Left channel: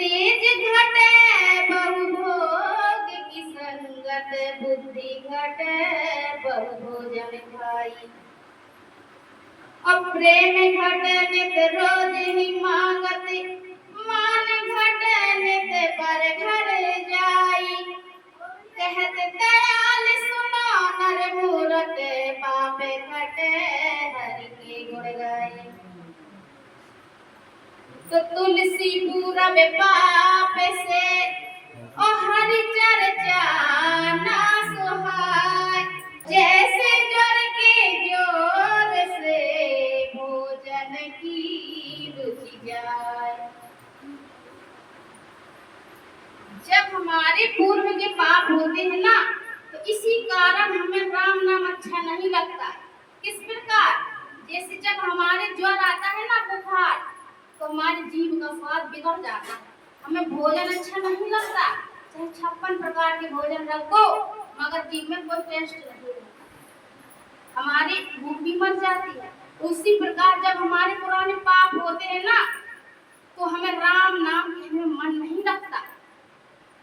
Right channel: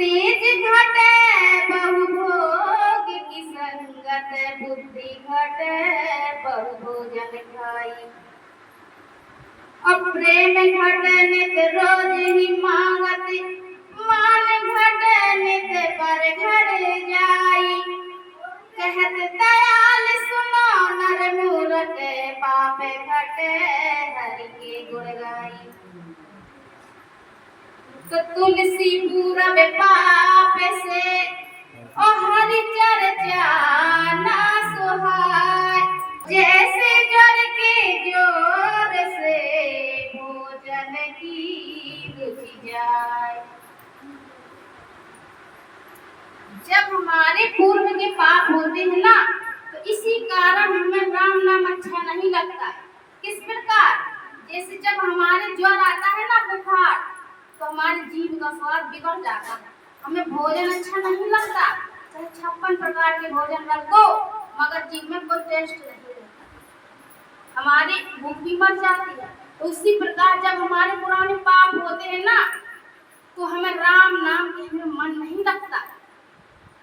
तेज घटे बहु भोग की संगत, बुद्धि घटे बहु भोजन खाई। और प्रेम घटे नित रोज ही मांगत, मान घटे नित पर घर जाई। कहत दयाल सुनो नर मूरख, पाप घटे हरि के गुण गाई। तो तुलसी पूरब पाप से और हरि चर्चा ना सुहाय। जैसे जर के जोर से भोजन की रुचि जाए। जब हमारे पूर्व के पाप होते हैं ना, तो इसी कारण हमें राम नाम अच्छा नहीं लगता है। किस प्रकार? जैसे जब हमारे ज्वर आता है ना, बुखार, तो हमारे जीभ का स्वाद बिगड़ जाता है, हमें भोजन अच्छा नहीं लगता। चाहे 56 प्रकार के भोजन रख दो, मगर जीभ में कोई टेस्ट नहीं रहता, हमारी भूख भी मर जाती है। तो उसी प्रकार जब हमारे पुराने पाप होते हैं ना, तो हमें राम नाम के हमें मन नहीं लगता।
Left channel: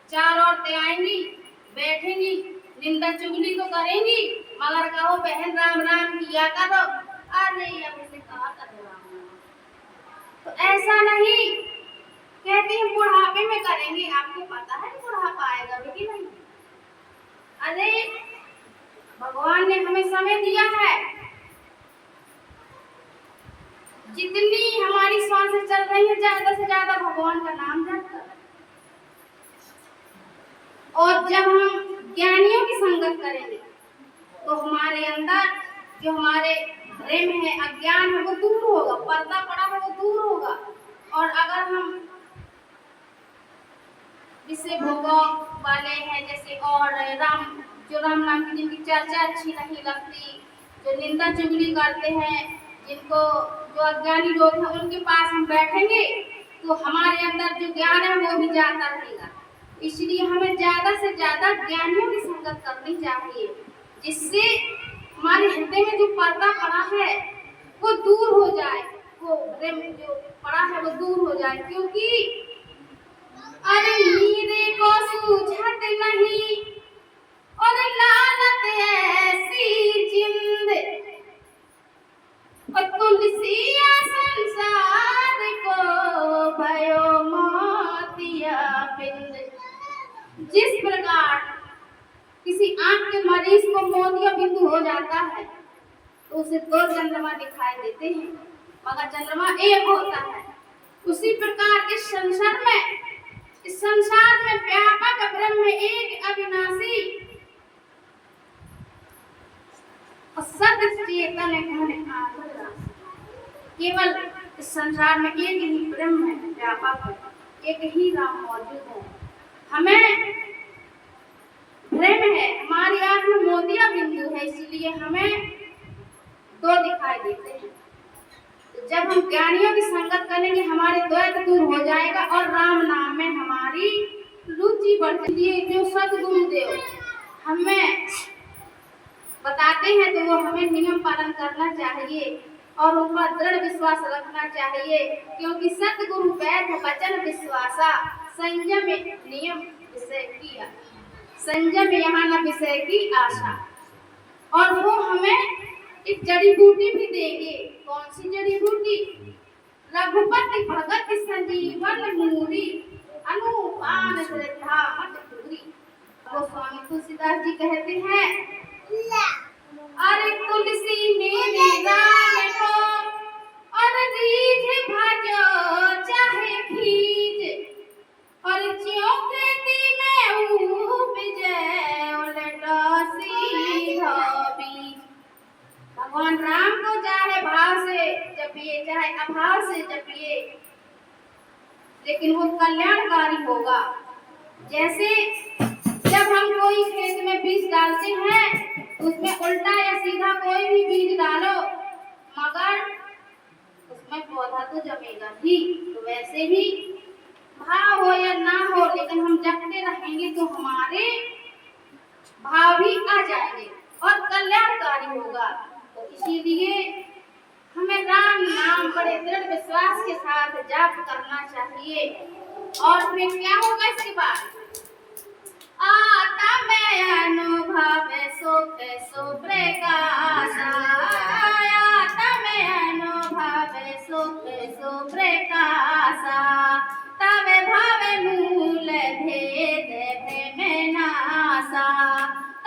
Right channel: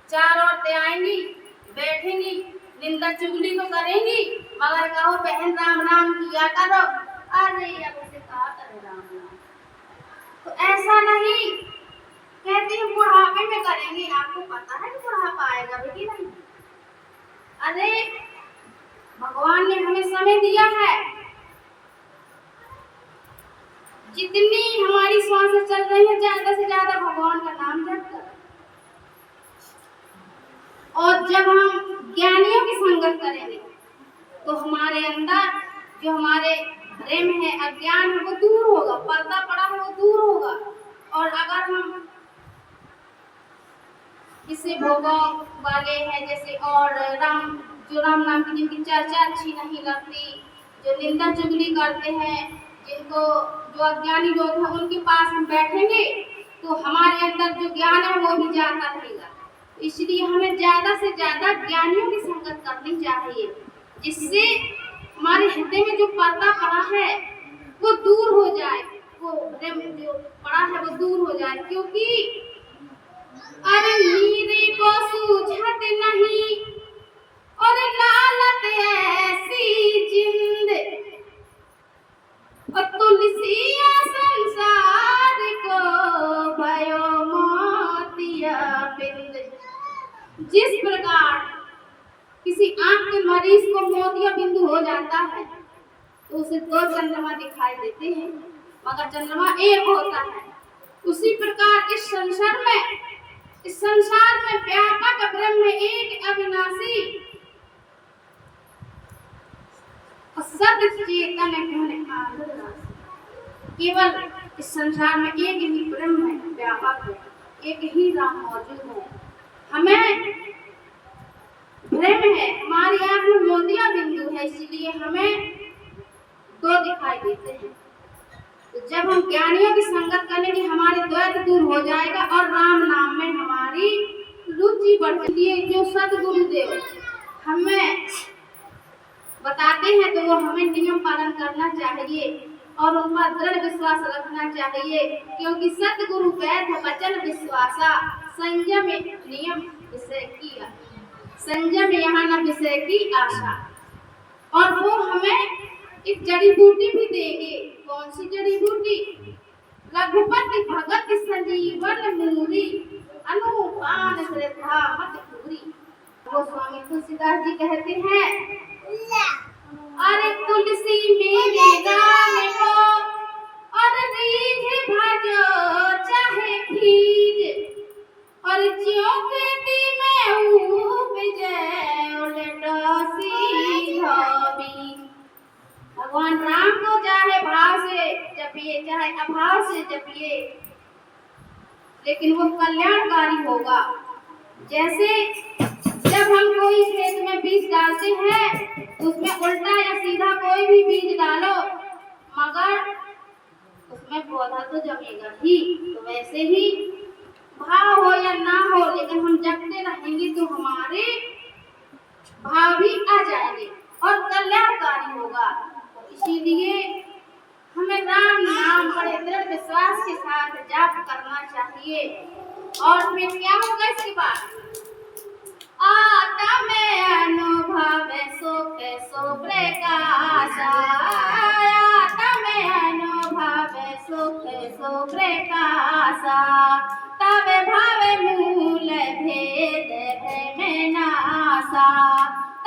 चार औरतें आएंगी, बैठेंगी, निंदा चुगली तो करेंगी, मगर कहो बहन राम राम किया करो। अरे अब इसे कहा करो राम राम, तो ऐसा नहीं कहती है बुढ़ापे में करेंगे। आपको पता है कि बुढ़ापा आएगा भी कि नहीं? अरे भगवान ने हमें समय दिया है, जितनी हमारी सांसें चल रही है ज्यादा से ज्यादा भगवान का नाम जप करें। और जब हम ज्ञानियों की संगत करेंगे तो हमारे अंदर जो हमारे भ्रम है, अज्ञान है, वो दूर होगा, पर्दा पड़ा है वो दूर होगा। और अगर हम विषय भोगों वाले हैं जैसे, और जो राम नाम की जिनकी चर्चा अच्छी नहीं लगती, जो निंदा चुगली करते हैं, जिनको जो अज्ञानी लोग हैं उनके पास हम बैठेंगे तो हमारे अंदर जो ज्ञान है वो भी जाता रहेगा। इसलिए हमें ज्यादा से ज्यादा ज्ञानियों की संगत करनी चाहिए, जिससे हमारे हृदय में जो पर्दा पड़ा है वो दूर हो जाए, वो भ्रम जो पड़ा है वो दूर हो जाए। क्योंकि अरे मीरे को सूझत नहीं और लालत ऐसी जिंद, और तुलसिया संसार को भयो मोतिया बिंद। जिस प्रकार किसी आंख के मरीज को मोतिया बिंदु हो जाता है तो उसे 2 चंद्रमा दिखाई देते हैं, मगर चंद्रमा एक होता है। उसी प्रकार इस संसार में व्यापक ब्रह्म एक अविनाशी और सत्य चेतन है। केवल इस संसार में एक ही ब्रह्म है, व्यापक है, एक ही राम मौजूद है। हमें भ्रम है, हमारी आंख में मोतिया बिंदु है, इसलिए हमें 2 दिखाई देते हैं। तो जब हम ज्ञानियों की संगत करेंगे हमारे द्वैत दूर हो जाएगा और राम नाम में हमारी रुचि बढ़ती है। जो सद्गुरुदेव हमें बताते हैं तो वो हमें नियम पालन करना चाहिए और उन पर दृढ़ विश्वास रखना चाहिए, क्योंकि सद्गुरु वैध वचन विश्वासा, संयम नियम विषय की संयम यहाँ न विषय की आशा। और वो हमें एक जड़ी बूटी भी देंगे। कौन सी जड़ी बूटी? रघुपति भगत संजीवन मूरी, अनुपान श्रद्धा मत पूरी। वो स्वामी तुलसीदास जी कहते हैं, अरे तुलसी मेरे राम को और रीझ भजो चाहे खीज, और ज्यों खेती में उपजे उलटो सीधो बीज। भगवान राम को चाहे भाव से जपिए चाहे अभाव से जपिए, लेकिन वो कल्याणकारी होगा। जैसे जब हम कोई खेत में बीज डालते हैं उसमें उल्टा या सीधा कोई भी बीज डालो मगर उसमें पौधा तो जमेगा ही। तो वैसे ही भाव हो या ना हो, लेकिन हम जपते रहेंगे तो हमारे भाव भी आ जाएंगे और कल्याणकारी होगा। तो इसीलिए हमें राम नाम बड़े दृढ़ विश्वास के साथ जाप करना चाहिए। और फिर क्या होगा इसके बाद? आता में अनुभव सुख सुप्रकाश, आता में अनुभव सुख सुप्रकाश, तब भाव मूल भेद भ्रम नासा,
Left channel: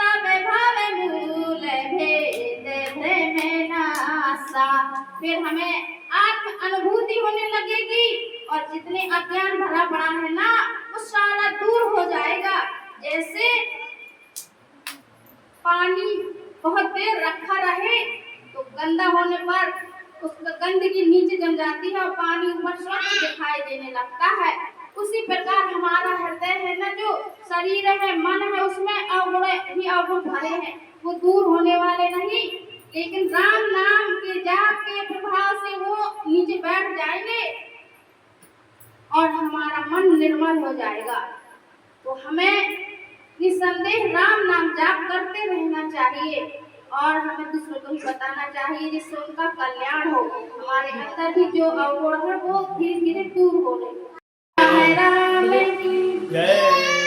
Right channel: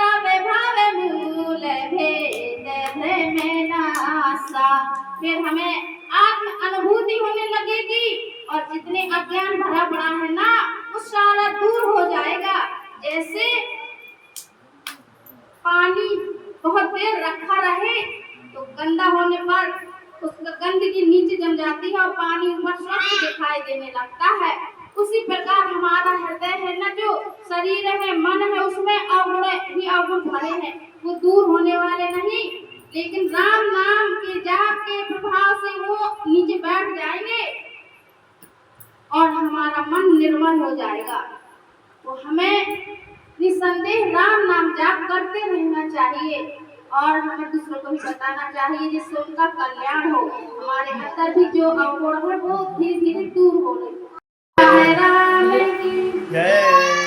तब भाव मूल भेद भ्रम नासा। फिर हमें आत्म अनुभूति होने लगेगी और जितने अज्ञान भरा पड़ा है ना वो सारा दूर हो जाएगा। जैसे पानी बहुत देर रखा रहे तो गंदा होने पर उसका गंदगी नीचे जम जाती है और पानी ऊपर स्वच्छ दिखाई देने लगता है। उसी प्रकार हमारा हृदय है ना, जो शरीर है, मन है, उसमें अवगुण ही अवगुण भरे हैं, वो दूर होने वाले नहीं, लेकिन राम नाम के जाप के प्रभाव से वो नीचे बैठ जाएंगे और हमारा मन निर्मल हो जाएगा। तो हमें निसंदेह राम नाम जाप करते रहना चाहिए और हमें दूसरों को भी बताना चाहिए जिससे उनका कल्याण हो। हमारे अंदर भी जो अवगुण है वो धीरे धीरे दूर हो रही है। राम की जय।